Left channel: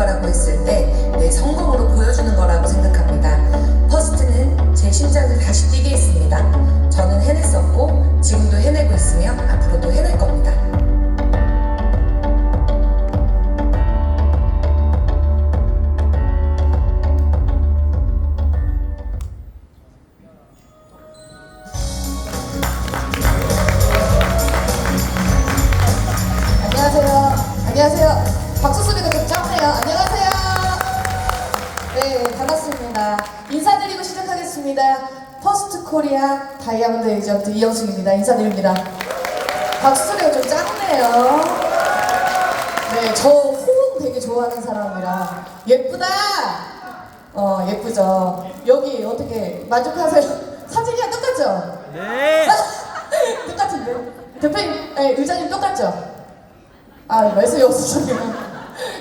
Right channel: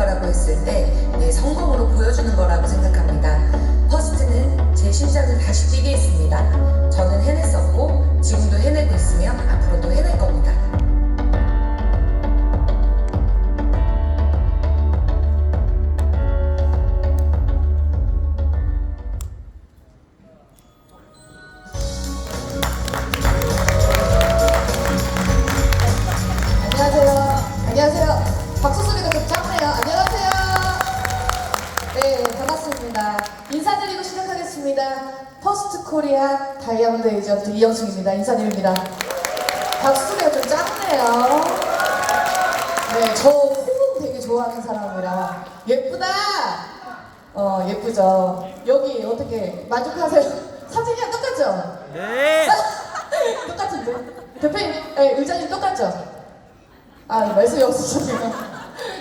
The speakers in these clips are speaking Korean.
거라고 했을 때 내 성공으로 보여주는 거라고 생각합니다. 퍼스트는 제 심장을 다시 뛰게 했습니다. 저는 해냈었고 지금도 해내고 있으며 앞으로도 해낼 겁니다. 안녕하세요. 박수 소리가 되게 작네요. 안녕하세요. 네, 반갑습니다. 인사드리고 시작하겠습니다. 퍼스트 코리아 다이아몬드 에이전트 이영순입니다. 인사드립니다. 박수 소리가 좀 작네요. 네, 저 호응 되게 좋아하는 사람이라 예쁘다. 예쁘죠. 여기 어떻게 만족하세요? 사진이랑 똑같죠? 네. 똑같은데? 대표님, 의장님 똑같죠? 말씀이 없으시네요.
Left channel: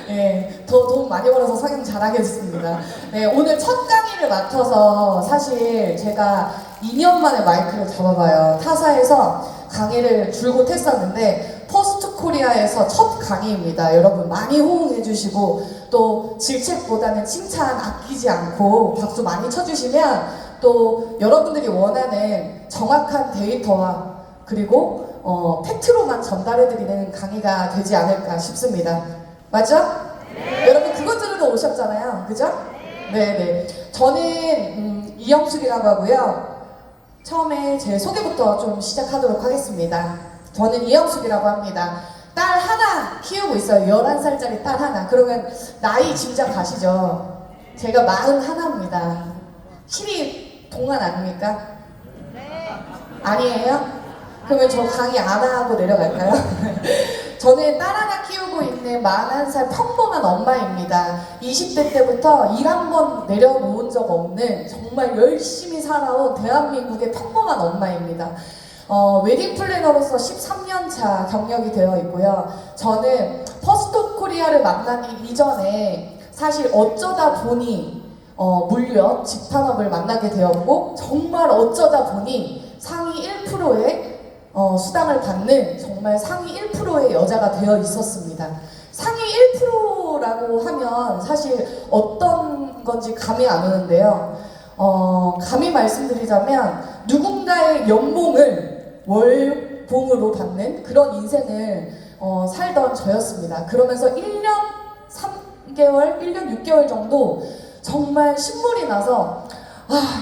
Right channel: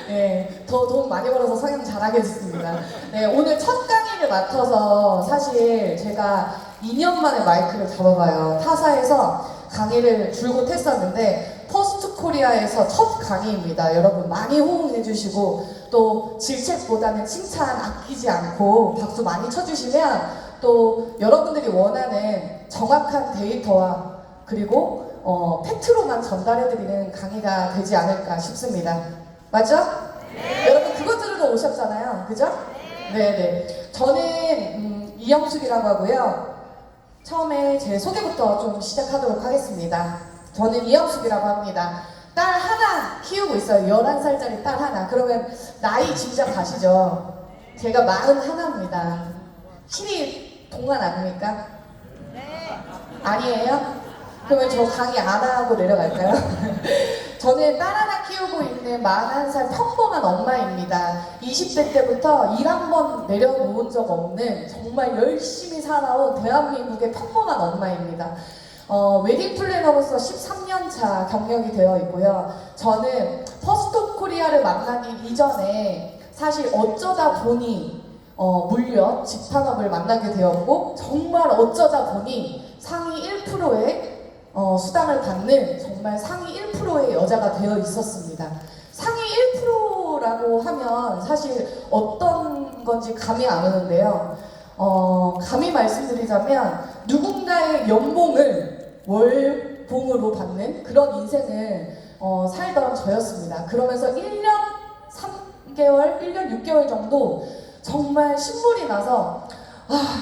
네, 더 돈 많이 벌어서 성형 잘하게 됐습니다. 네, 오늘 첫 강의를 맡아서 사실 제가 2년 만에 마이크를 잡아봐요. 타사에서 강의를 줄곧 했었는데 퍼스트 코리아에서 첫 강의입니다. 여러분 많이 호응해주시고 또 질책보다는 칭찬 아끼지 않고 박수 많이 쳐주시면 또 여러분들이 원하는 정확한 데이터와 그리고 팩트로만 전달해드리는 강의가 되지 않을까 싶습니다. 맞죠? 네. 여러분 그거 들으러 오셨잖아요. 그죠? 네네. 저는 이영숙이라고 하고요. 처음에 제 소개부터 좀 시작하도록 하겠습니다. 저는 이영숙이라고 합니다. 딸 하나 키우고 있어요. 11살짜리 딸 하나. 그러면 나이 짐작 가시죠? 제가 41입니다. 신이 동안 아닙니까? 아니에요? 그러면 저 강의 안 하고 내려갈까요? 저는 딸 하나 키우고 있는 41살 평범한 엄마입니다. 20대 때부터 일 한 번 내려놓은 적 없는 정말 열심히 살아온 대한민국의 평범한 엄마입니다. 웨딩 플래너로서 13년 차 경력이 되어 있고요. 저는 퍼스트 코리아를 만나기 이전에 사실 어쩌다 보니 물려 집판업을 만나게 되었고 정말 어쩌다 보니 상위 1%의 수당을 받는 정말 상위 1%의 여자가 되어 있었습니다. 상위 1%라고 하면 사실 어떤 건지 감이 안 오는데요. 감히 말씀드리자면 누군가의 연봉을 월봉으로 받는 그런 인생을 살던 저였습니다. 그러면서 1년 3개월, 1년 6개월 정도 정말 신물이 나서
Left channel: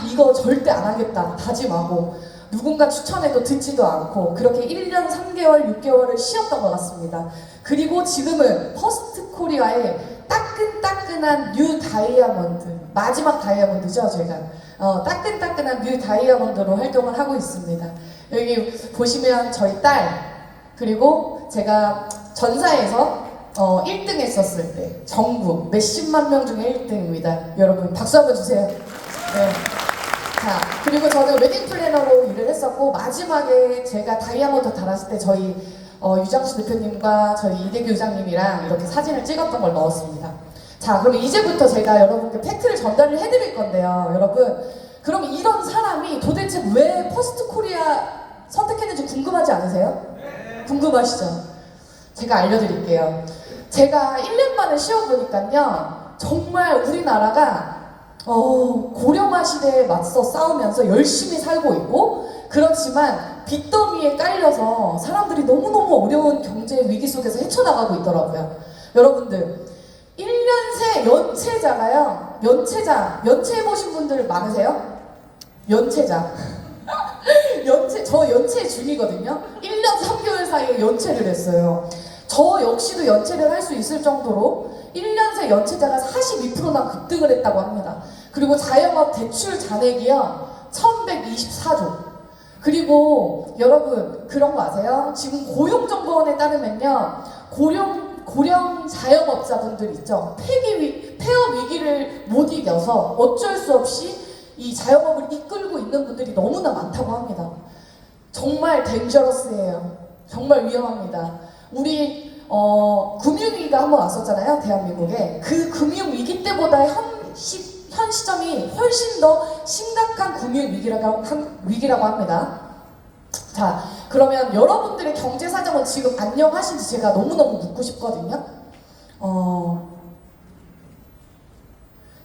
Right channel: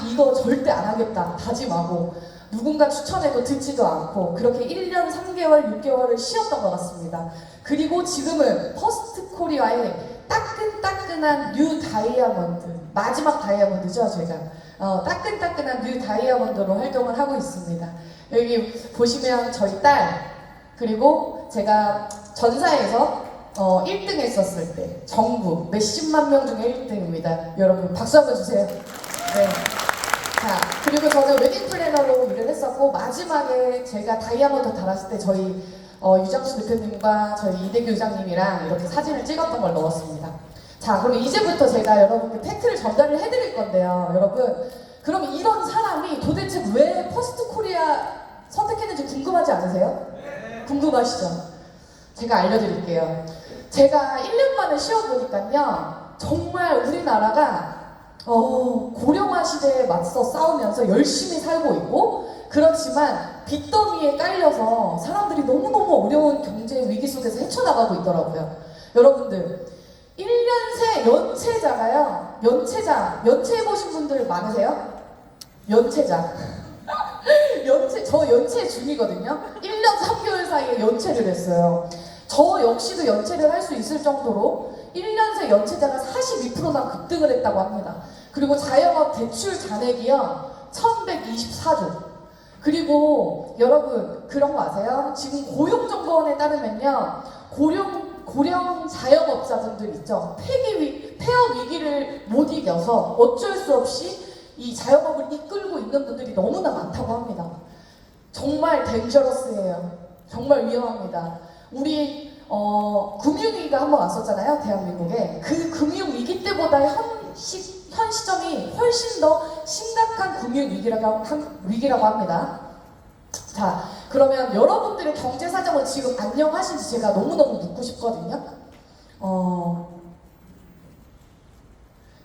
이거 절대 안 하겠다 다짐하고 누군가 추천해도 듣지도 않고 그렇게 1년 3개월, 6개월을 쉬었던 것 같습니다. 그리고 지금은 퍼스트 코리아의 따끈따끈한 뉴 다이아몬드, 마지막 다이아몬드죠 제가. 따끈따끈한 뉴 다이아몬드로 활동을 하고 있습니다. 여기 보시면 저희 딸, 그리고 제가 전사에서 1등 했었을 때 전국 몇십만 명 중에 1등입니다. 여러분 박수 한번 주세요. 네. 자, 그리고 저는 웨딩 플래너로 일을 했었고 마지막에 제가 다이아몬드 달았을 때 저희 유정수 대표님과 저희 이대규 의장님이랑 이렇게 사진을 찍었던 걸 넣었습니다. 자, 그럼 이제부터 제가 여러분께 팩트를 전달을 해드릴 건데요. 여러분, 그럼 이런 사람이 도대체 왜 퍼스트 코리아 선택했는지 궁금하지 않으세요? 궁금하시죠? 제가 알려드릴게요. 제가 1년 만에 쉬어보니까요. 정말 우리나라가 고령화 시대에 맞서 싸우면서 열심히 살고 있고 그렇지만 빚더미에 깔려서 사람들이 너무너무 어려운 경제 위기 속에서 헤쳐나가고 있더라고요. 여러분들 1년새 연체자가요. 연체해보신 분들 많으세요? 연체자. 저 연체 중이거든요. 1년 3개월 사이에 연체를 했어요. 저 역시도 연체를 할 수 있을 정도로 1년새 연체자가 42%나 급등을 했다고 합니다. 그리고 자영업 대출 잔액이요 1124조. 그리고 여러분 그런 거 아세요? 지금 고용정보원에 따르면요 고령 자영업자분들 있죠. 폐업 위기를 못 이겨서 어쩔 수 없이 이 자영업을 이끌고 있는 분들이 너무나 많다고 합니다. 정말 덴저러스예요. 정말 위험합니다. 우리 금융위기가 한번 왔었잖아요. 대한민국에. 그 금융위기 때보다 현 시점이 훨씬 더 심각한 금융위기라고 합니다. 자, 그러면 여러분들의 경제 사정은 지금 안녕하신지 제가 너무너무 묻고 싶거든요.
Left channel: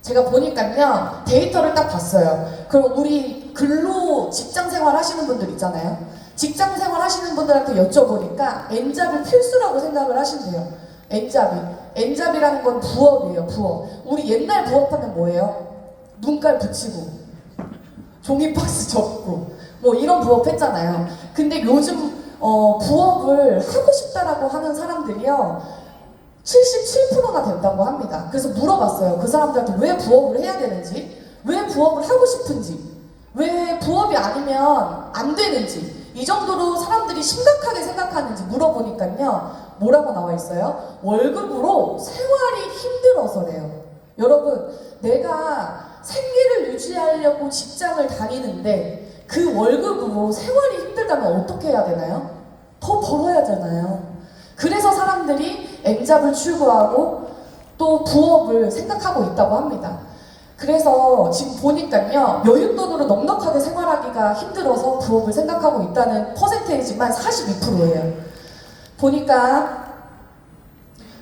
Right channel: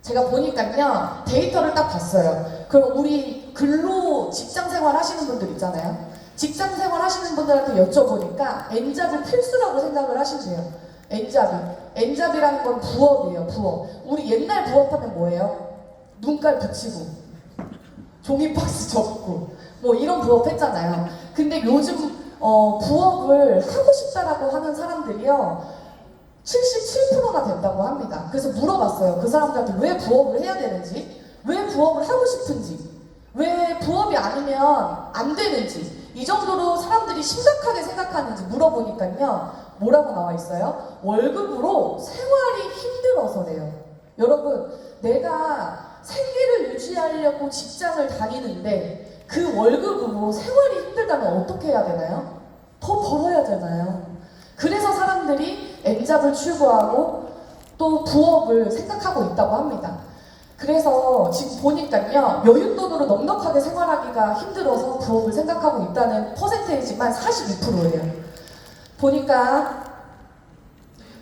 제가 보니까요, 데이터를 딱 봤어요. 그럼 우리 근로 직장 생활 하시는 분들 있잖아요. 직장 생활 하시는 분들한테 여쭤보니까 N잡이 필수라고 생각을 하신대요. N잡이. N잡이라는 건 부업이에요, 부업. 우리 옛날 부업하면 뭐예요? 눈깔 붙이고, 종이박스 접고, 뭐 이런 부업 했잖아요. 근데 요즘 부업을 하고 싶다라고 하는 사람들이요, 77%가 된다고 합니다. 그래서 물어봤어요. 그 사람들한테 왜 부업을 해야 되는지, 왜 부업을 하고 싶은지, 왜 부업이 아니면 안 되는지, 이 정도로 사람들이 심각하게 생각하는지 물어보니까요, 뭐라고 나와 있어요? 월급으로 생활이 힘들어서래요. 여러분, 내가 생계를 유지하려고 직장을 다니는데 그 월급으로 생활이 힘들다면 어떻게 해야 되나요? 더 벌어야 되나요? 그래서 사람들이 N잡을 추구하고 또 부업을 생각하고 있다고 합니다. 그래서 지금 보니까요, 여윳돈으로 넉넉하게 생활하기가 힘들어서 부업을 생각하고 있다는 퍼센테이지만 42%예요. 보니까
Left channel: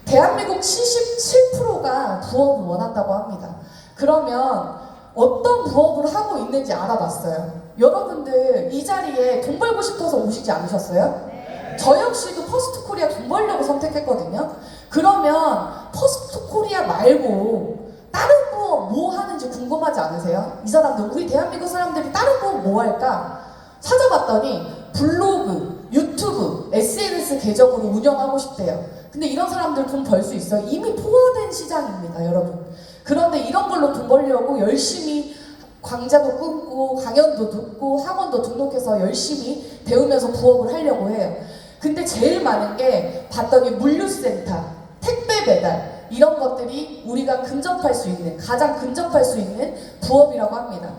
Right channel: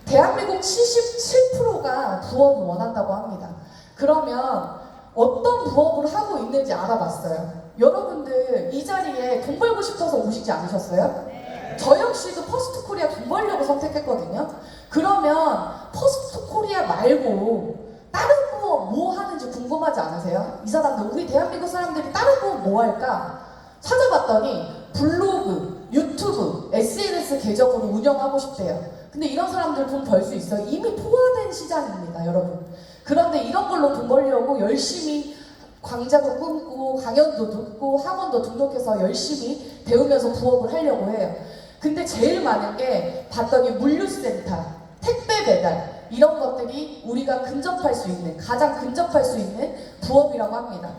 대한민국 77%가 부업을 원한다고 합니다. 그러면 어떤 부업을 하고 있는지 알아봤어요. 여러분들 이 자리에 돈 벌고 싶어서 오시지 않으셨어요? 저 역시도 퍼스트 코리아 돈 벌려고 선택했거든요. 그러면 퍼스트 코리아 말고 다른 부업 뭐 하는지 궁금하지 않으세요? 이 사람들, 우리 대한민국 사람들이 다른 부업 뭐 할까? 찾아봤더니 블로그, 유튜브, SNS 계정으로 운영하고 싶대요. 근데 이런 사람들 돈 벌 수 있어요? 이미 포화된 시장입니다, 여러분. 그런데 이런 걸로 돈 벌려고 열심히 강좌도 끊고 강연도 듣고 학원도 등록해서 열심히 배우면서 부업을 하려고 해요. 근데 제일 많은 게 봤더니 물류센터, 택배 배달 이런 것들이 우리가 근접할 수 있는, 가장 근접할 수 있는 부업이라고 합니다.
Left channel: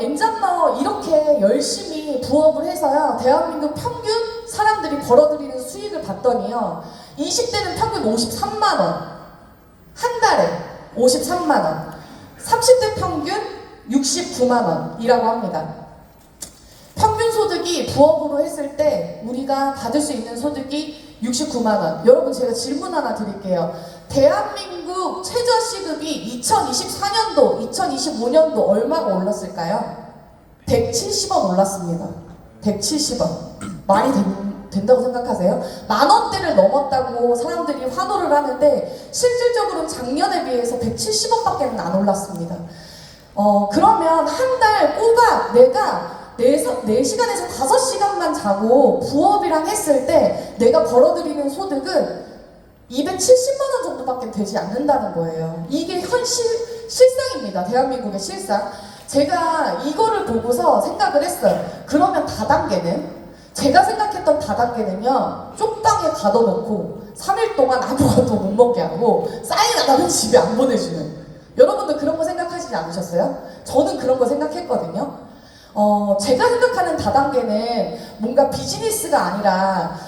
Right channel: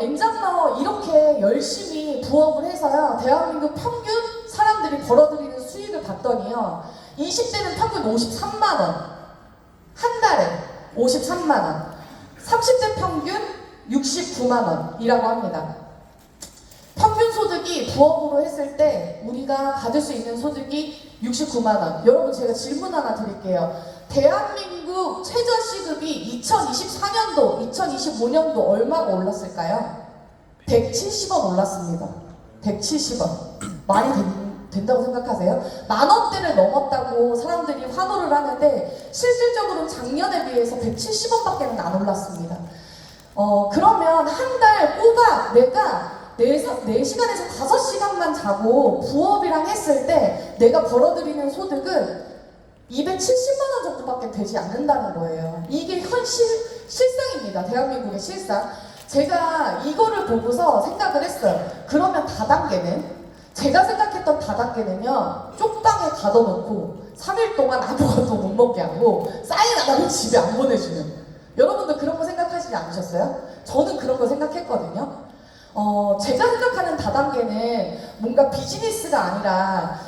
N잡러 이렇게 열심히 부업을 해서요, 대한민국 평균 사람들이 벌어들이는 수익을 봤더니요, 20대는 평균 53만원, 한 달에 53만원, 30대 평균 69만원이라고 합니다. 평균 소득이 부업으로 했을 때 우리가 받을 수 있는 소득이 69만원. 여러분, 제가 질문 하나 드릴게요. 대한민국 최저시급이 2024년도, 2025년도 얼마가 올랐을까요? 170원 올랐습니다. 170원. 말이 된다고 생각하세요? 만원대를 넘었다고 사람들이 환호를 하는데 실질적으로는 작년에 비해서 170원밖에 안 올랐습니다. 그러면 한 달 꼬박 내가 4시간에서 5시간만 자고 부업이랑 했을 때 내가 벌어들이는 소득은 270만원 정도밖에 되지 않는다는 거예요. 이게 실상입니다. 대한민국의 실상. 제가 이거를 보고서 생각을 했어요. 그러면 다단계는? 제가 생각했던 다단계는요, 쪽방에 가둬놓고 3일 동안 아무것도 못 먹게 하고 사인 안 하면 집에 안 보내주는. 여러분도 그런 거 생각하시지 않으셨어요? 저는 그런 거 생각했거든요. 제가 생각하는 다단계는 뭔가 비즈니스가 아니라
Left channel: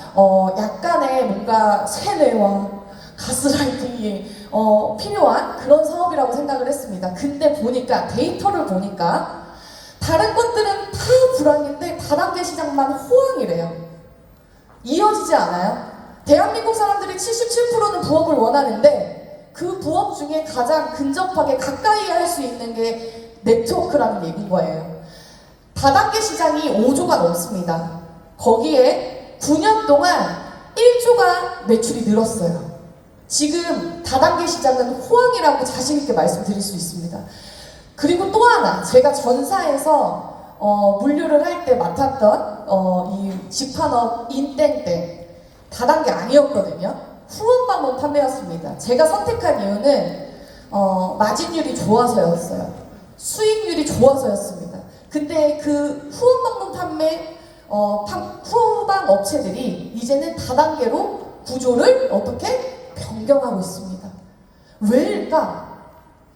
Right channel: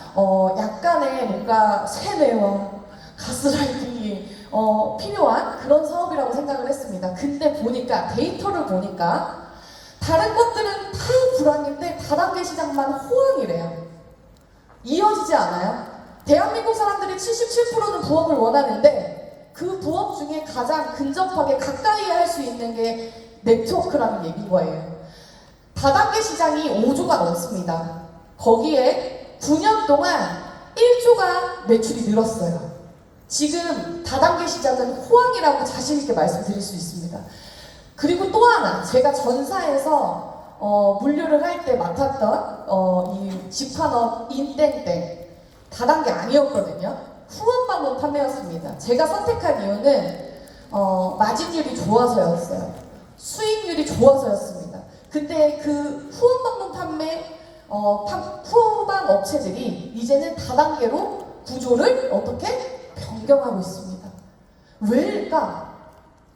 약간의 뭔가 세뇌와 가스라이팅이 필요한 그런 사업이라고 생각을 했습니다. 근데 보니까, 데이터를 보니까 다른 것들은 다 불황인데 다단계 시장만 호황이래요. 이어지지 않아요? 대한민국 사람들이 77%는 부업을 원하는데 그 부업 중에 가장 근접하게 가까이 할 수 있는 게 네트워크라는 얘기인 거예요. 다단계 시장이 5조가 넘습니다. 거기에 9년 동안 1조가 매출이 늘었어요. 지금 다단계 시장은 호황이라고 자신있게 말씀드릴 수 있습니다. 그리고 또 하나, 제가 전사에서 물류를 할 때 맡았던 이 집판업 인땡 때 다단계 아니었거든요. 후원방문 판매였습니다. 제가 선택한 이유는 마진율이 좋아서였어요. 수익률이 좋아서였습니다. 근데 그 후원방문 판매 후방 업체들이 이제는 다단계로 구조를 어떻게 변경하고 있습니다. 왜일까?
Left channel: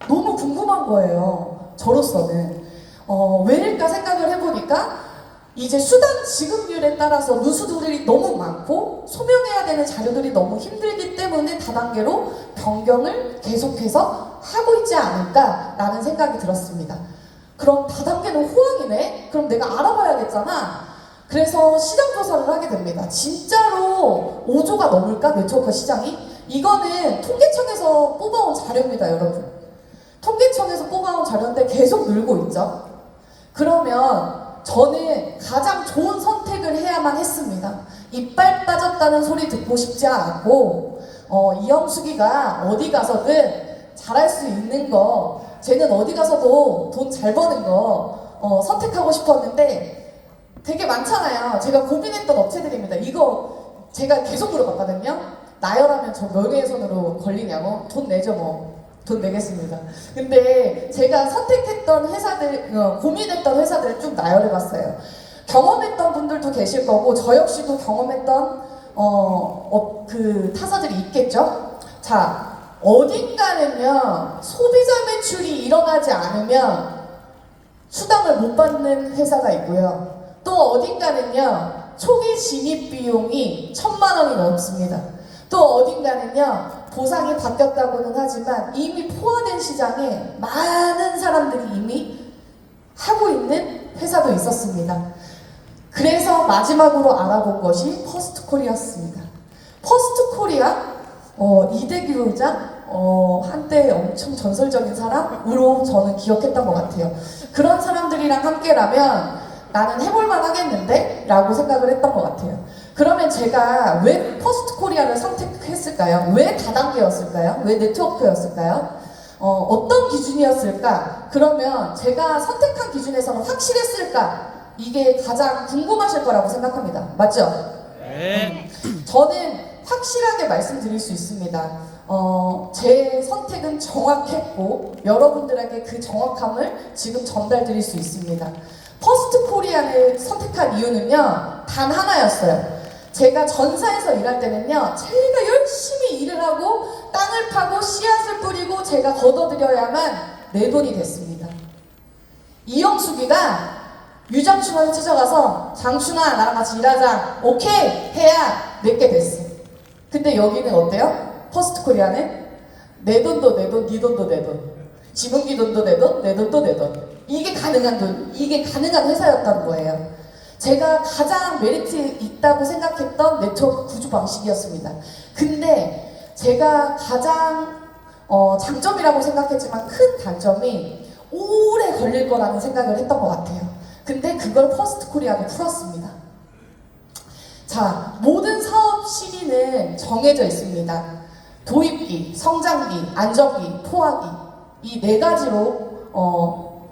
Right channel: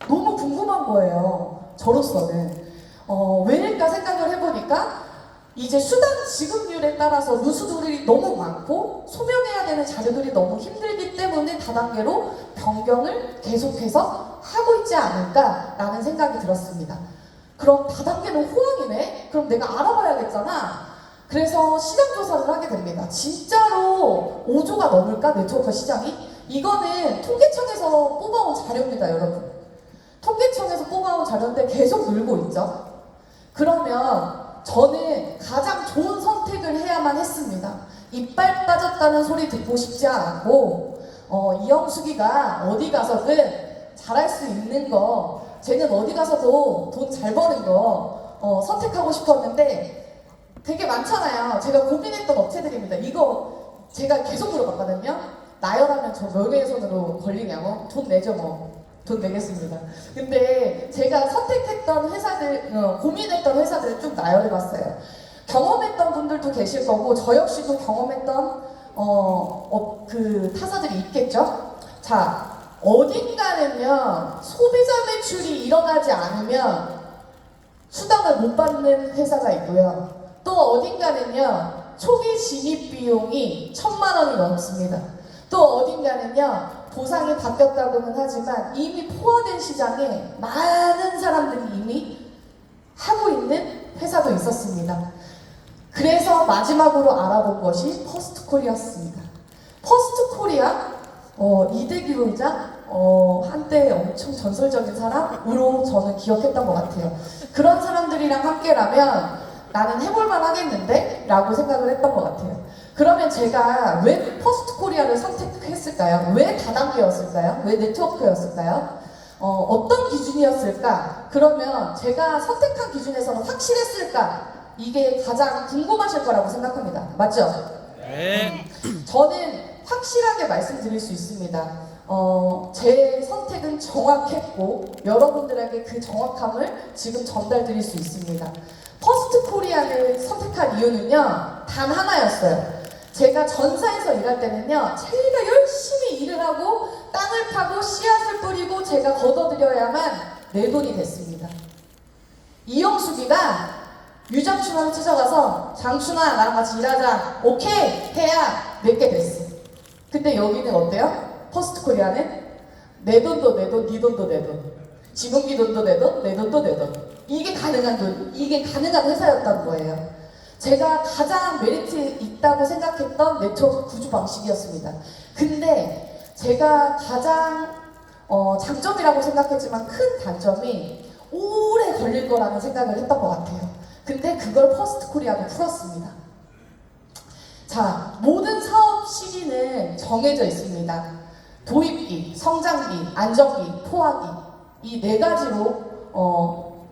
너무 궁금한 거예요. 저로서는 왜일까 생각을 해보니까 이제 수당 지급률에 따라서 누수들이 너무 많고 소명해야 되는 자료들이 너무 힘들기 때문에 다단계로 변경을 계속해서 하고 있지 않을까라는 생각이 들었습니다. 그럼 다단계는 호황이네? 그럼 내가 알아봐야겠잖아. 그래서 시장 조사를 하게 됩니다. 진짜로 5조가 넘을까? 네트워크 시장이? 이거는 통계청에서 뽑아온 자료입니다, 여러분. 통계청에서 뽑아온 자료인데 계속 늘고 있죠. 그러면 저는 가장 좋은 선택을 해야만 했습니다. 이빨 빠졌다는 소리 듣고 싶지 않았고, 이영숙이가 어디 가서든 잘할 수 있는 거, 쟤는 어디 가서도 돈 잘 버는 거 선택하고 싶었는데 되게 많잖아요. 제가 고민했던 업체들입니다. 이거 제가 계속 물어봤거든요. 나열하면 저 명예훼손으로 걸리냐고. 돈 내죠 뭐. 돈 내겠습니다. 근데 제가 선택했던 회사들, 고민했던 회사들을 쭉 나열해봤어요. 경험했던 분들도 계실 거고 저 역시도 경험했던 그 타사들이 있겠죠. 자, 어딘가는요 소비자 매출이 일어나지 않으면 수당을 못 받는 회사가 있고요. 또 어딘가는요 초기 진입 비용이 1,000만 원이 넘습니다. 또 어딘가는요 보상이 바뀌었다고는 하지만 이미 포화된 시장에 많은 사람들이 이미 하고 있는 회사도 있었습니다. 그래서 마지막으로 알아본 것이 퍼스트코리아였습니다. 퍼스트코리아 이대규 회장 한때 엄청 전설적인 사람으로 저는 기억했던 것 같아요. 그런 사람들이랑 함께라면 나는 해볼만 하겠는데? 라고 생각을 했던 것 같아요. 그러면 제가 왜 퍼스트코리아를 선택했을까요? 왜 다단계였을까요? 왜 네트워크였을까요? 어떤 기준이었을까? 그러면 제가 선택한 기준에서는 확실했을까? 이게 가장 궁금하실 거라고 생각합니다. 맞죠? 네. 저는 확실하게 말씀드릴 수 있습니다. 제 선택은 정확했고 여러분들에게 그 정확함을 지금 전달드릴 수 있습니다. 퍼스트코리아를 선택한 이유는요 단 하나였어요. 제가 전사에서 일할 때는요 제가 열심히 일을 하고 땅을 파고 씨앗을 뿌리고 제가 걷어들여야만 내 돈이 됐습니다. 이영숙이가 유장춘한테 찾아가서 장춘아 나랑 같이 일하자 오케이 해야 내게 됐어. 근데 여기는 어때요? 퍼스트코리아는 내 돈도 내 돈, 네 돈도 내 돈, 지분기 돈도 내 돈, 내 돈도 내 돈. 이게 가능한 돈, 이게 가능한 회사였던 거예요. 제가 가장 메리트 있다고 생각했던 네트워크 구조 방식이었습니다. 근데 제가 가장 장점이라고 생각했지만 큰 단점이 오래 걸릴 거라는 생각을 했던 것 같아요. 근데 그걸 퍼스트코리아가 풀었습니다. 자, 모든 사업 시기는 정해져 있습니다. 도입기, 성장기, 안정기, 포화기 이 네 가지로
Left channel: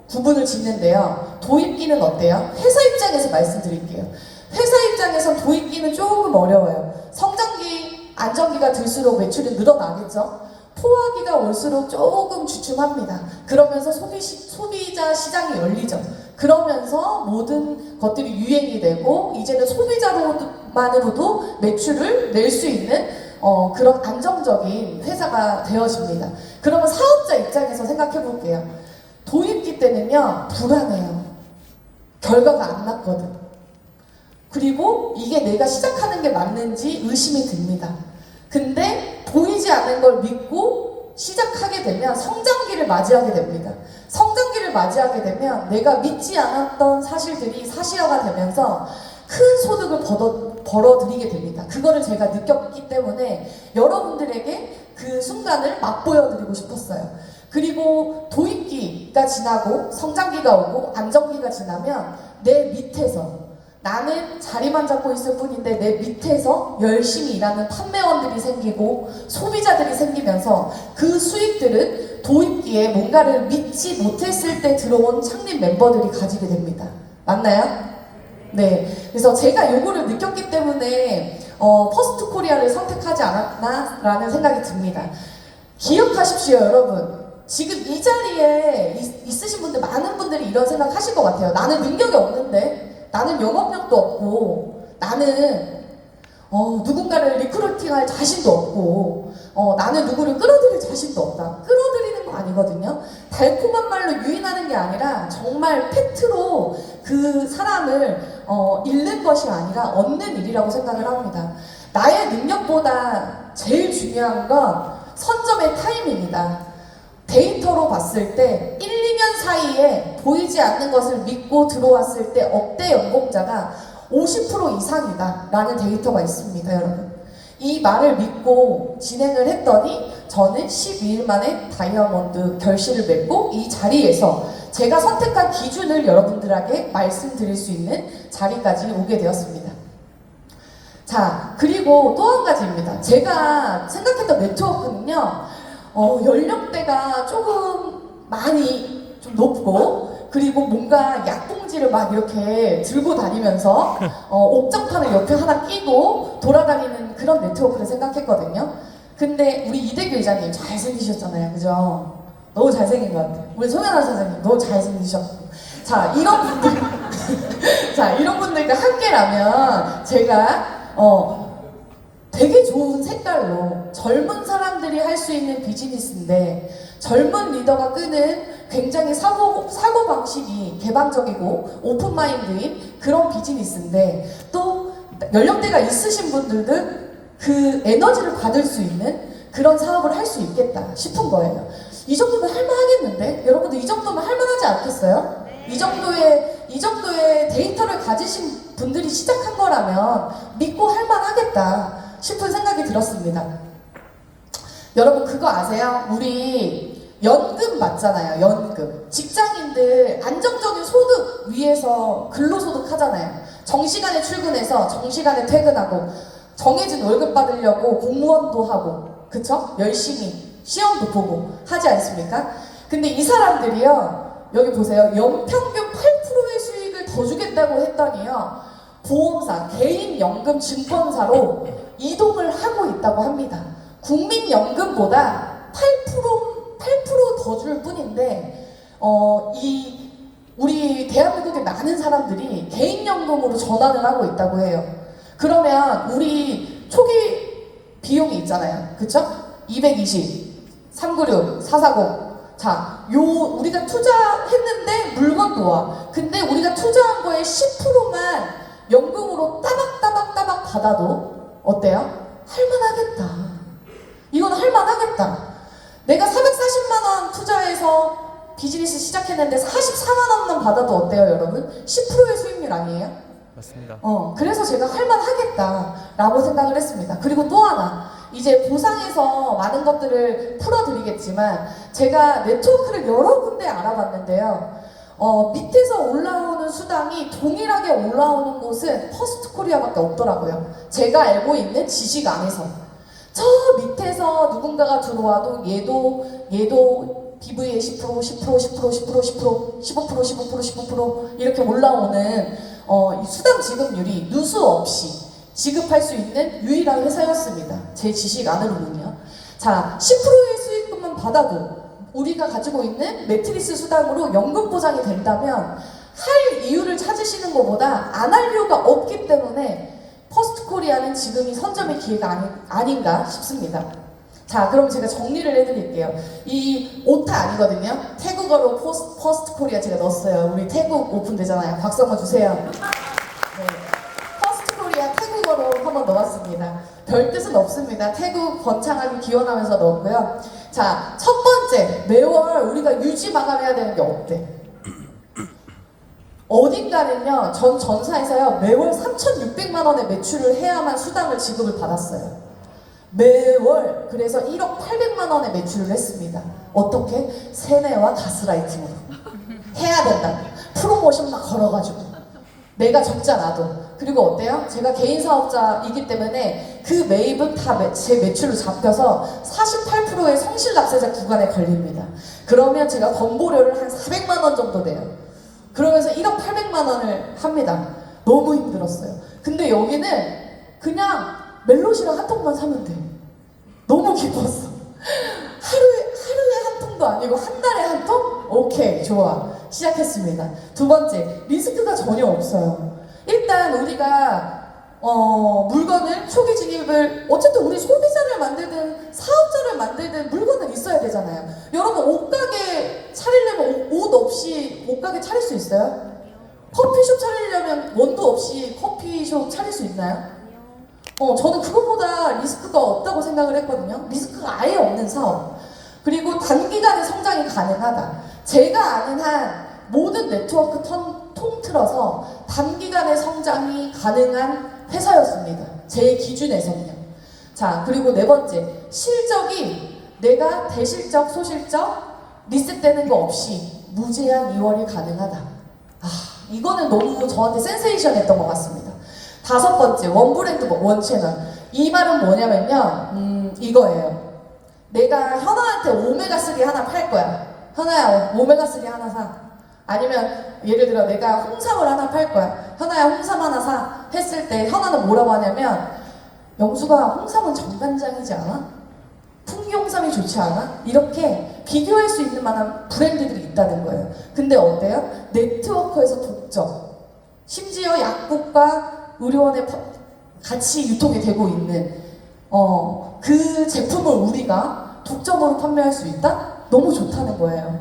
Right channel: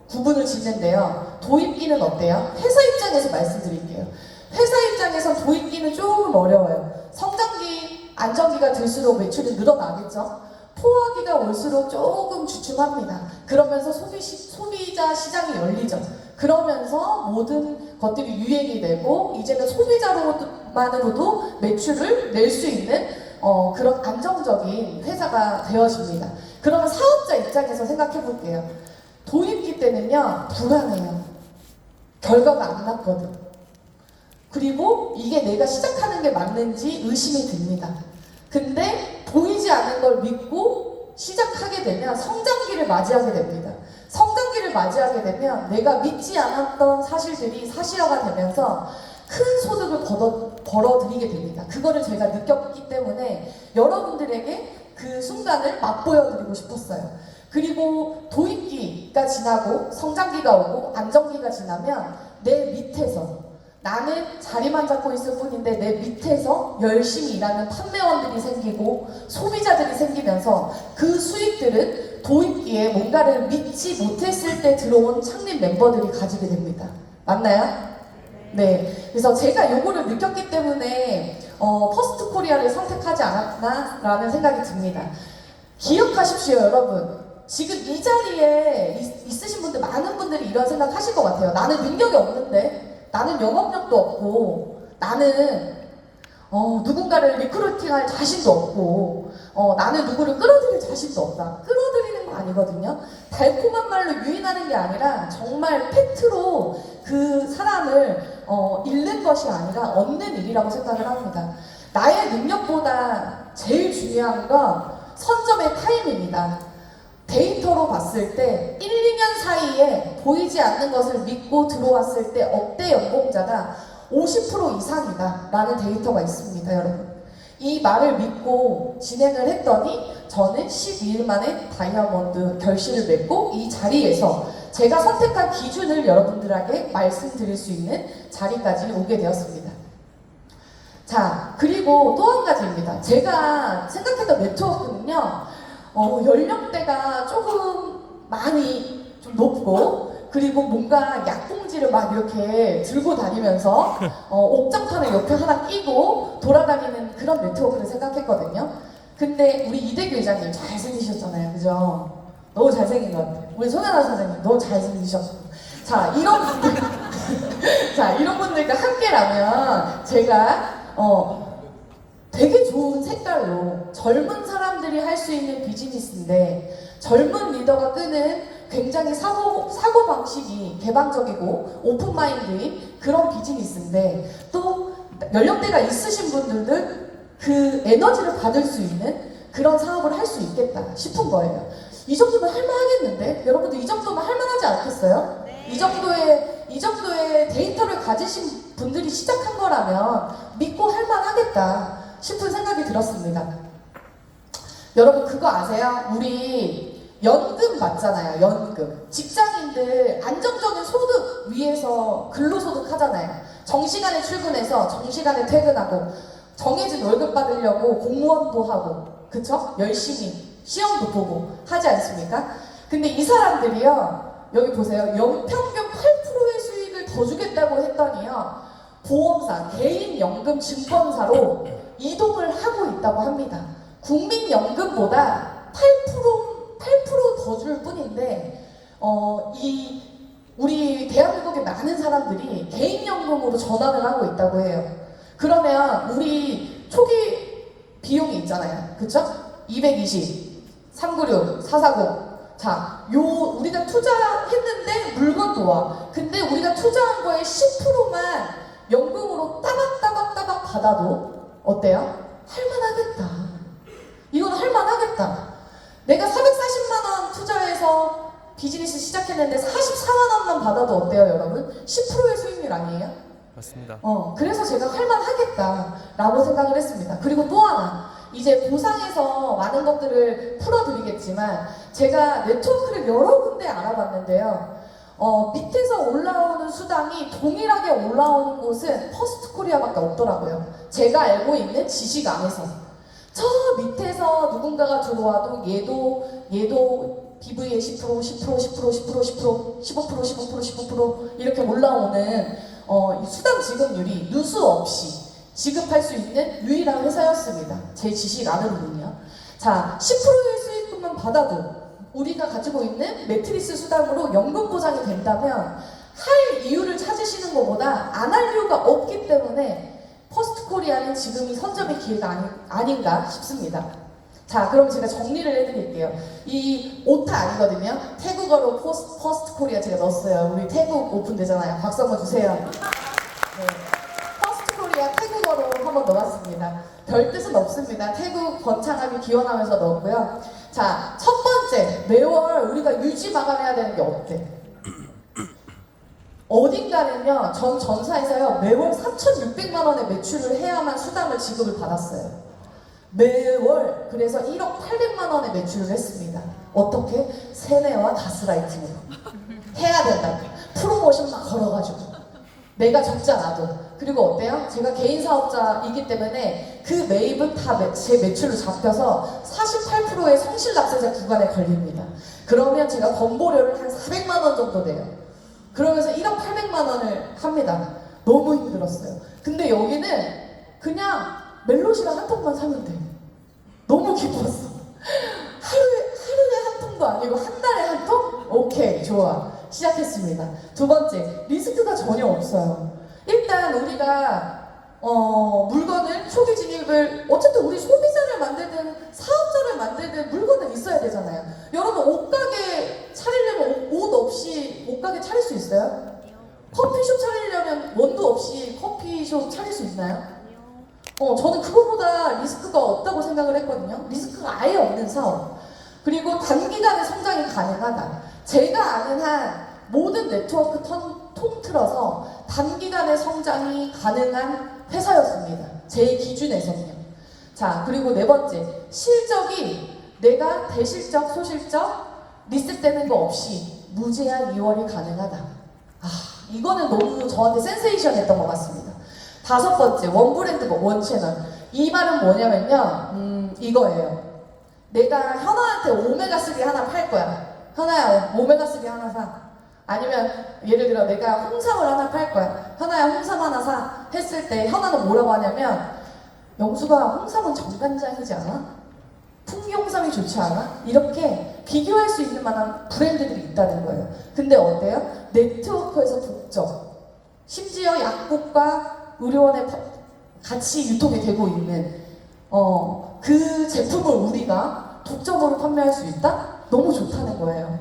구분을 짓는데요. 도입기는 어때요? 회사 입장에서 말씀드릴게요. 회사 입장에선 도입기는 조금 어려워요. 성장기, 안정기가 들수록 매출이 늘어나겠죠? 포화기가 올수록 조금 주춤합니다. 그러면서 소비자 시장이 열리죠. 그러면서 모든 것들이 유행이 되고 이제는 소비자로만으로도 매출을 낼 수 있는 그런 안정적인 회사가 되어집니다. 그러면 사업자 입장에서 생각해 볼게요. 도입기 때는요 불안해요. 결과가 안 났거든. 그리고 이게 내가 시작하는 게 맞는지 의심이 듭니다. 근데 보이지 않는 걸 믿고 시작하게 되면 성장기를 맞이하게 됩니다. 성장기를 맞이하게 되면 내가 믿지 않았던 사실들이 사실화가 되면서 큰 소득을 벌어들이게 됩니다. 그거를 제가 느꼈기 때문에 여러분들에게 그 순간을 맛보여드리고 싶었어요. 그리고 도입기가 지나고 성장기가 오고 안정기가 지나면 내 밑에서 나는 자리만 잡고 있을 뿐인데 내 밑에서 열심히 일하는 판매원들이 생기고 소비자들이 생기면서 그 수익들은 도입기에 뭔가를 믿지 못했을 때 들어온 창립 멤버들이 가지게 됩니다. 맞나요? 네. 그래서 제가 요거를 느꼈기 때문에 퍼스트코리아를 선택하지 않았나라는 생각이 듭니다. 기억하십시오, 여러분. 지금 이 자리에 있으신 분들 많은 분들이 이런 생각 하실 것 같아요. 나는 능력이 없는데, 나는 영업력도 없고, 나는 누군가를 리크루팅할 자신도 없고, 나는 누구를 끌어들일 자신도 없다. 끌어들이는 거 아니거든요. 달콤한 말로 유인하는 게 아니라 정말 팩트로 그 사람을 잃는 것이 아니라 얻는 일이라고 생각을 합니다. 나의 능력보다 제일 중요한 건 선점의 타임입니다. 데이터로 봤을 때 1, 2년 사이에 보이지 않는 것을 믿고 들어왔을 때 억대 연봉자가 50% 이상이다 라는 데이터가 있습니다, 여러분. 이 말을 믿고 진행을 했더니 저는 12일 만에 다이아몬드 결실을 맺고 이 자리에서 제가 선택한 기준을 여러분들에게 말씀드릴 수 있는 자리까지 오게 되었습니다. 자, 그리고 또 한 가지입니다. 제가 생각했던 네트워크는요, 연령대가 조금 많이 좀 높고, 그리고 뭔가 약봉지를 막 이렇게 들고 다니면서, 옥장판을 옆에 하나 끼고 돌아다니는 그런 네트워크를 생각했거든요. 근데 우리 이대규 회장님 잘생기셨잖아요. 그죠? 너무 잘생긴 것 같아요. 우리 송현아 선생님 너무 잘생기셨고. 자, 이런 분들, 자, 이런 분들과 함께라면 제가 되게 좋은 색깔로 젊은 사람들이 할 수 있는 비즈니스인데 젊은 리더가 끄는 굉장히 사고방식이 개방적이고 오픈마인드인 그런 비즈니스인데 또 연령대가 있으신 분들은 그 에너지를 받을 수 있는 그런 사업을 할 수 있겠다 싶은 거예요. 이 정도면 할만하겠는데? 여러분들 이 정도면 할만하지 않겠어요? 이 정도의 데이터를 가지신 분들이 시작한 거라면 믿고 할만하겠다 싶은 생각이 들었습니다. 여러분 그거 아세요? 우리 연금 받잖아요. 연금. 직장인들 안정적인 소득 위해서 근로소득 하잖아요. 정시간에 출근해서 정시간에 퇴근하고 정해진 월급 받으려고 공무원도 하고 그쵸? 열심히 시험도 보고 하지 않습니까? 근데 이 사람들이요. 여기 보세요. 연평균 8%의 수익을 더 주겠다고 했더니요. 보험사, 개인연금 증권사로 이동을 하고 있다고 합니다. 국민연금보다 8% 더 줄 뿐인데 우리 대한민국의 많은 사람들이 개인연금으로 전환을 하고 있다고 해요. 그러면 우리 초기 비용이 있잖아요. 그쵸? 220, 396, 440 자, 우리가 투자했는데 물건도 와. 근데 우리가 투자한 거에 10%만 연금으로 따박따박 받아도 어때요? 할만하겠다. 이건 할만하겠다. 내가 440만 원 투자해서 비즈니스 시작했는데 44만 원만 받아도 어때요, 여러분? 10%의 수익률 아니에요? 맞습니다. 그래서 제가 할만하겠다라고 생각을 했습니다. 그리고 또 하나. 이제 보상에서 많은 것들을 풀어드리겠지만 제가 네트워크를 여러 군데 알아봤는데요. 밑에서 올라오는 수당이 동일하게 올라오는 곳은 퍼스트코리아밖에 없더라고요. 제가 알고 있는 지식 안에서. 저 밑에서 누군가가 들어와도 얘도 BV의 10%, 10%, 10%, 10%, 10%, 15%, 15% 이렇게 올라오는 수당 지급률이 누수 없이 지급할 수 있는 유일한 회사였습니다. 제 지식 안으로는요. 자, 10%의 수익금만 받아도 우리가 가지고 있는 매트리스 수당으로 연금 보장이 된다면 할 이유를 찾으시는 것보다 안 할 이유가 없기 때문에 퍼스트코리아는 지금이 선점의 기회가 아닌가 싶습니다. 자, 그럼 제가 정리를 해드릴게요. 이 오타 아니거든요. 태국어로 퍼스트코리아 제가 넣었어요. 우리 태국 오픈되잖아요. 박수 한번 주세요. 네. 태국어로 한번 넣어봤습니다. 별 뜻은 없습니다. 태국 번창하기 기원하면서 넣었고요. 자, 첫 번째, 매월 우리가 유지 마감해야 되는 게 없대. 어딘가는요, 전 전사에서요, 매월 3,600만 원의 매출을 해야만 수당을 지급을 받았어요. 매월, 그래서 1억 800만 원의 매출을 했습니다. 어떻게? 세뇌와 가스라이팅으로. 해야 된다. 프로모션 막 걸어가지고. 내가 적지 않아도. 그리고 어때요? 제가 개인 사업자이기 때문에 그 매입은 다 제 매출로 잡혀서 48%의 성실납세자 구간에 걸립니다. 그러면 제가 건보료를 한 400만 원 정도 내요. 그러면서 1억 800만 원을 합니다. 너무 힘들었어요. 근데 여기는 그냥 멜로시랑 한 통만 사면 돼. 너무 기뻤어. 하루에 한 통도 아니고 한 달에 한 통? 오케이, 좋아. 시작했습니다. 두 번째, 리스크가 전혀 없어요. 일단 우리가 물건을 초기 진입을 어쨌든 우리 소비자를 만들든 사업자를 만들든 물건은 있어야 되잖아요. 여러분 옷가게 차리려면 옷 없이 옷가게 차릴 수 있어요? 커피숍 차리려면 원두 없이 커피숍 차릴 수 있나요? 저는 그거보다 리스크가 없다고 생각을 했거든요. 리스크가 아예 없는 사업. 그리고 단기간에 성장이 가능하다. 제가 아는 한 모든 네트워크 통틀어서 단기간에 성장이 가능한 회사였습니다. 제 기준에서는요. 자, 그리고 네 번째, 실적이 내가 대실적, 소실적, 리셋되는 거 없이 무제한 2월이 가능하다. 이거는 너무 저한테 센세이션했던 것 같습니다. 5번째, 원 브랜드, 원 채널. 이 말은 뭐냐면요, 이거예요. 내가 현아한테 오메가3 하나 팔 거야. 현아야, 오메가3 하나 사. 아니면 예를 들어 내가 홍삼을 하나 팔 거야. 현아야, 홍삼 하나 사. 했을 때 현아는 뭐라고 하냐면, 영수가 홍삼은 정관장이지 않아? 풍기홍삼이 좋지 않아? 이렇게 비교할 수 있는 만한 브랜드들이 있다는 거예요. 근데 어때요? 네트워크에서 독점. 심지어 약국과 의료원에 같이 유통이 되고 있는 그 제품을 우리가 독점으로 판매할 수 있다? 너무 좋다는 거예요.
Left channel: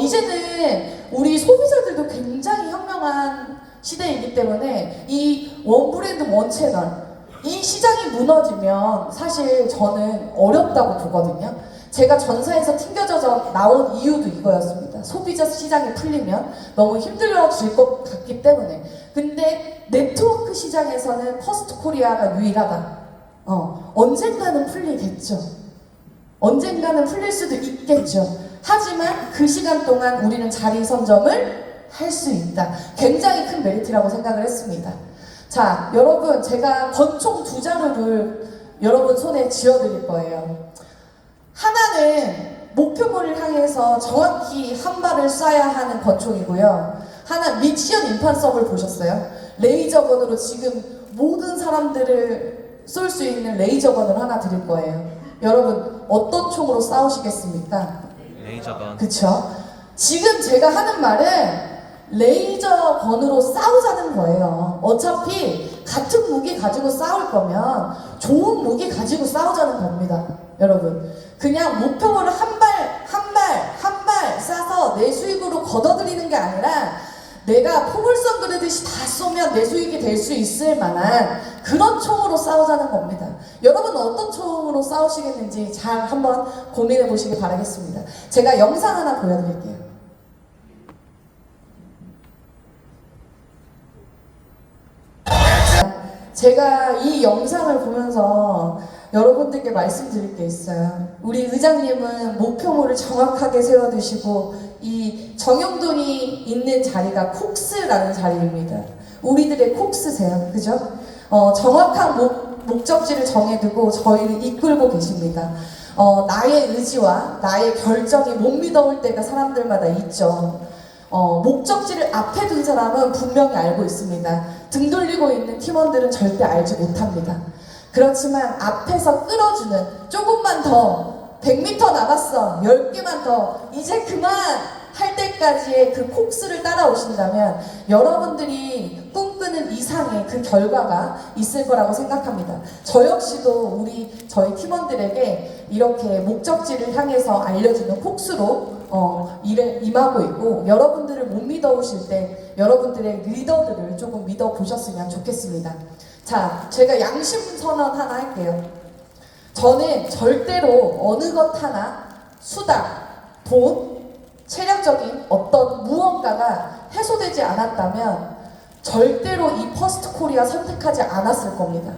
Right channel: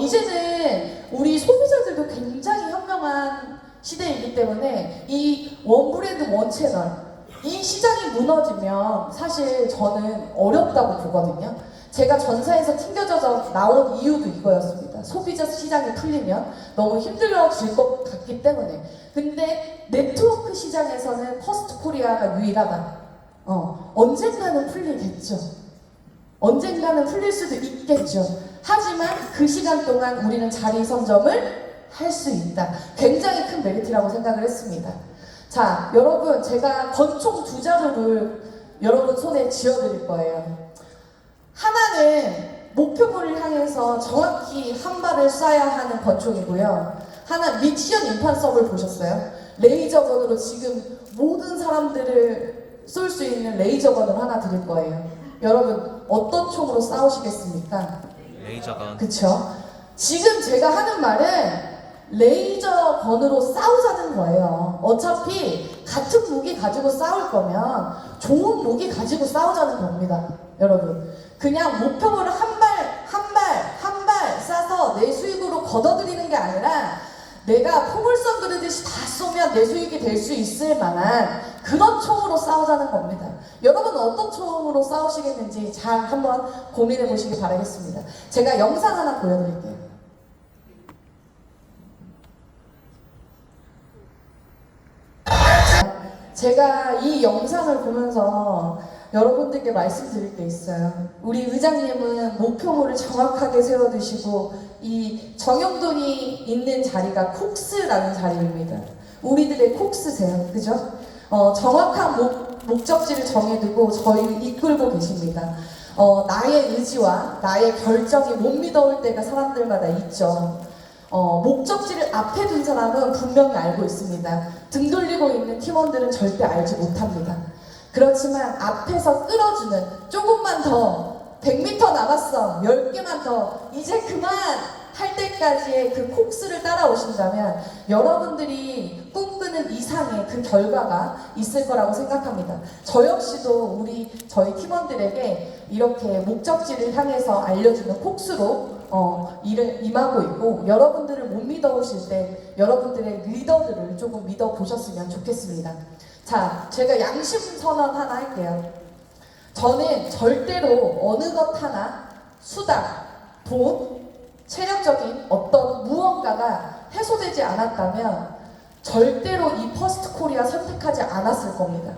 이제는 우리 소비자들도 굉장히 현명한 시대이기 때문에 이 원 브랜드 원 채널 이 시장이 무너지면 사실 저는 어렵다고 보거든요. 제가 전사에서 튕겨져서 나온 이유도 이거였습니다. 소비자 시장이 풀리면 너무 힘들어질 것 같기 때문에. 근데 네트워크 시장에서는 퍼스트 코리아가 유일하다. 언젠가는 풀리겠죠. 언젠가는 풀릴 수도 있겠죠. 하지만 그 시간 동안 우리는 자리 선점을 할 수 있다. 굉장히 큰 메리트라고 생각을 했습니다. 자, 여러분, 제가 권총 2자루를 여러분 손에 쥐어드릴 거예요. 하나는 목표물을 향해서 정확히 한 발을 쏴야 하는 권총이고요. 하나 미션 임판서블 보셨어요? 레이저건으로 지금 모든 사람들을 쏠 수 있는 레이저건을 하나 드릴 거예요. 여러분, 어떤 총으로 싸우시겠습니까? 레이저건. 그쵸? 지금 제가 하는 말은 레이저건으로 싸우자는 거예요. 어차피 같은 무기 가지고 싸울 거면 좋은 무기 가지고 싸우자는 겁니다. 여러분, 그냥 목표물을 한 발 쏴서 내 수익으로 걷어들이는 게 아니라 내가 포물선 그리듯이 다 쏘면 내 수익이 될 수 있을 만한 그런 총으로 싸우자는 겁니다. 여러분은 어떤 총으로 싸우시겠는지 잘 한번 고민해 보시기 바라겠습니다. 제가 영상 하나 보여드릴게요. 제가 이 영상을 보면서 여러분들께 말씀드릴 게 있어요. 우리 의장님은 목표물을 정확하게 세워두시고 이 정영돈이 있는 자리가 콕스라는 자리입니다. 우리들의 콕스세요. 그죠? 정확한 목적지를 정해두고 저희를 이끌고 계십니다. 나의 의지와 나의 결정이 못 믿어올 때가 사람들마다 있죠. 목적지를 앞에 둔 사람은 분명히 알고 있습니다. 등 돌리고 있는 팀원들은 절대 알지 못합니다. 그렇지만 앞에서 끌어주는 조금만 더 100m 남았어 10개만 더 이제 그만 할 때까지의 그 콕스를 따라오신다면 여러분들이 꿈꾸는 이상의 그 결과가 있을 거라고 생각합니다. 저 역시도 저희 팀원들에게 이렇게 목적지를 향해서 알려주는 콕스로 일을 임하고 있고, 여러분들을 못 믿어오실 때 여러분들의 리더들을 조금 믿어보셨으면 좋겠습니다. 자, 제가 양심 선언 하나 할게요. 저는 절대로 어느 것 하나 수당, 돈, 체력적인 어떤 무언가가 해소되지 않았다면 절대로 이 퍼스트 코리아 선택하지 않았을 겁니다.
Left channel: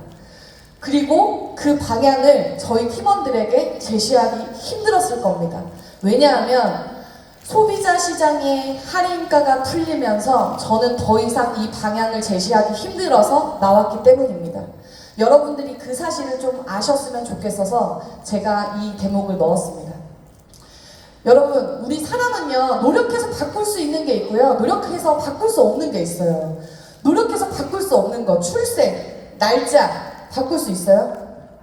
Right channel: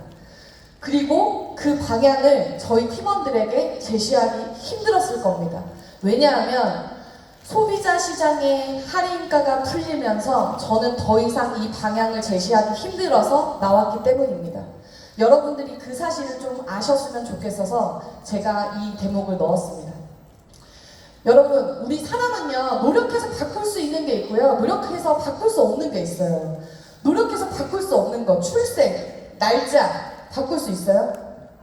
그리고 그 방향을 저희 팀원들에게 제시하기 힘들었을 겁니다. 왜냐하면 소비자 시장의 할인가가 풀리면서 저는 더 이상 이 방향을 제시하기 힘들어서 나왔기 때문입니다. 여러분들이 그 사실을 좀 아셨으면 좋겠어서 제가 이 대목을 넣었습니다. 여러분, 우리 사람은요, 노력해서 바꿀 수 있는 게 있고요, 노력해서 바꿀 수 없는 게 있어요. 노력해서 바꿀 수 없는 거, 출생, 날짜 바꿀 수 있어요?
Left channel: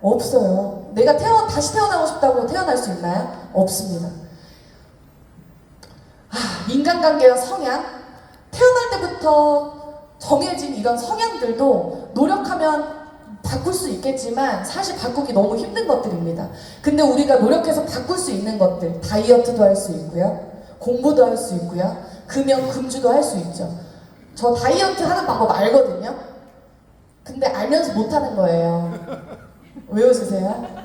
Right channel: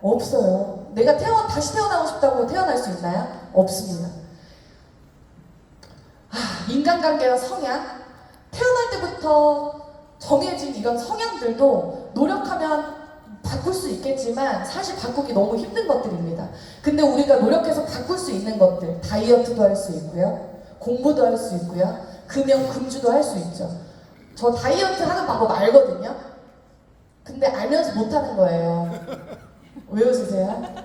없어요. 내가 다시 태어나고 싶다고 태어날 수 있나요? 없습니다. 인간관계와 성향, 태어날 때부터 정해진 이런 성향들도 노력하면 바꿀 수 있겠지만 사실 바꾸기 너무 힘든 것들입니다. 근데 우리가 노력해서 바꿀 수 있는 것들, 다이어트도 할 수 있고요, 공부도 할 수 있고요, 금연, 금주도 할 수 있죠. 저 다이어트 하는 방법 알거든요. 근데 알면서 못하는 거예요. 왜 웃으세요?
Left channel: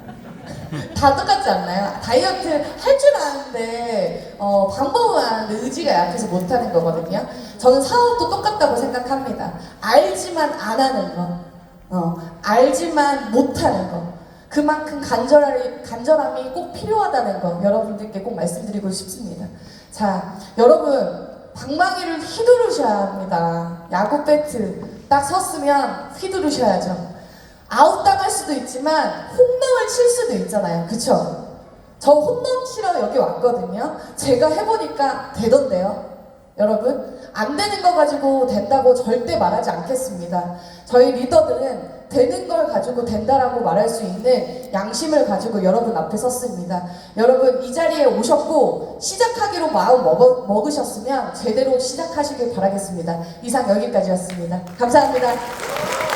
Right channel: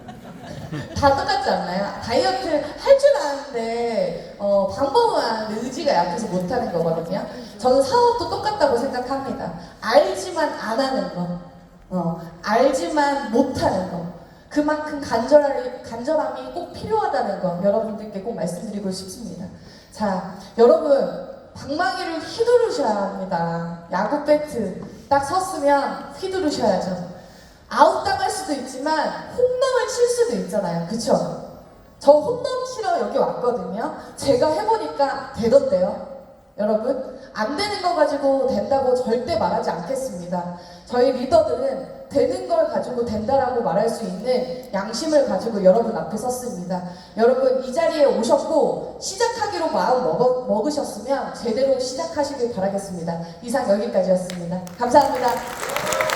다 똑같지 않나요? 다이어트 할 줄 아는데 방법은 아는데 의지가 약해서 못하는 거거든요. 저는 사업도 똑같다고 생각합니다. 알지만 안 하는 거, 알지만 못하는 거. 그만큼 간절함이 꼭 필요하다는 거 여러분들께 꼭 말씀드리고 싶습니다. 자, 여러분 방망이를 휘두르셔야 합니다. 야구 배트 딱 섰으면 휘두르셔야죠. 아웃당할 수도 있지만 홈런을 칠 수도 있잖아요. 그쵸? 저 홈런 치러 여기 왔거든요. 제가 해보니까 되던데요. 여러분 안 되는 거 가지고 된다고 절대 말하지 않겠습니다. 저희 리더들은 되는 걸 가지고 된다라고 말할 수 있는 양심을 가지고 여러분 앞에 섰습니다. 여러분 이 자리에 오셨고 시작하기로 마음 먹으셨으면 제대로 시작하시길 바라겠습니다. 이상 여기까지였습니다. 감사합니다.